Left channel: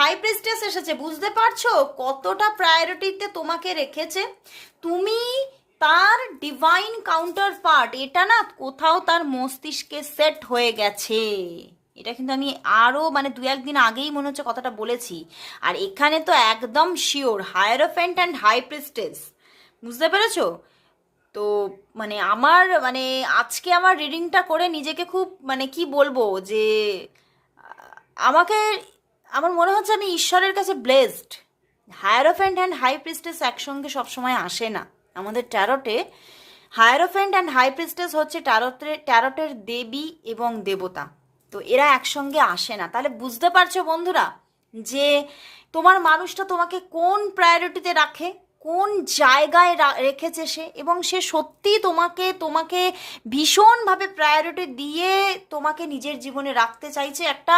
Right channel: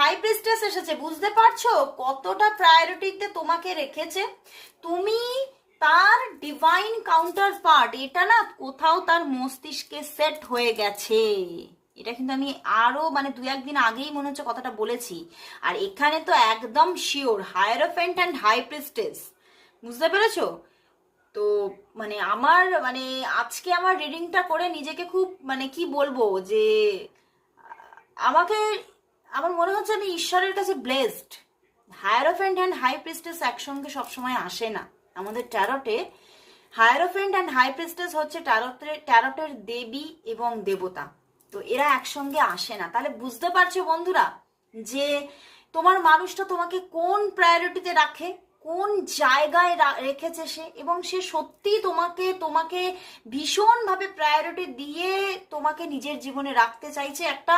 High priestess এসেছে, বুঝতে পারছো কতটা প্রায়োরিটিতে তোমাকে রেখেছে। তুমি তার ডিভাইন কাউন্টার পার্ট, এটা না কোথাও তার মস্তিষ্কে সেট হয়ে গেছে। এটা কিন্তু আমি আরো মানে দু একদিন আগেই মনে হচ্ছে কথাটা বলেছি। আর এখানে তো একদম sure hierophant and high priestess, বুঝতে পেরেছো? তো মানে আমার মানে আজকে আমার রিডিংটা করে নিজেকে খুব মানে কি বলবো যে আমাকে আমার মনে হচ্ছে আমি ঈশ্বরের কাছে ব্লেসড। হায়ারোফ্যান্ট অ্যান্ড হাই প্রিস্টেস একসঙ্গে সবসময় আসে না আমাদের ট্যারোটে। হায়ারোফ্যান্ট অ্যান্ড হাই প্রিস্টেস হচ্ছে ট্যারোটের দেবী এবং দেবতা। তো এরা একসঙ্গে আসে না। তাহলে বুঝতে পারছো বন্ধুরা যে তোমার মানুষটা তোমাকে কোন প্রায়োরিটিতে রাখে, কোন জায়গায় রেখেছে সে, এবং সে সত্যি তোমাকে তোমাকে ভীষণভাবে প্রায়োরিটি দিয়ে তোমাকে নিজের জীবনে রাখতে চাইছে। একটা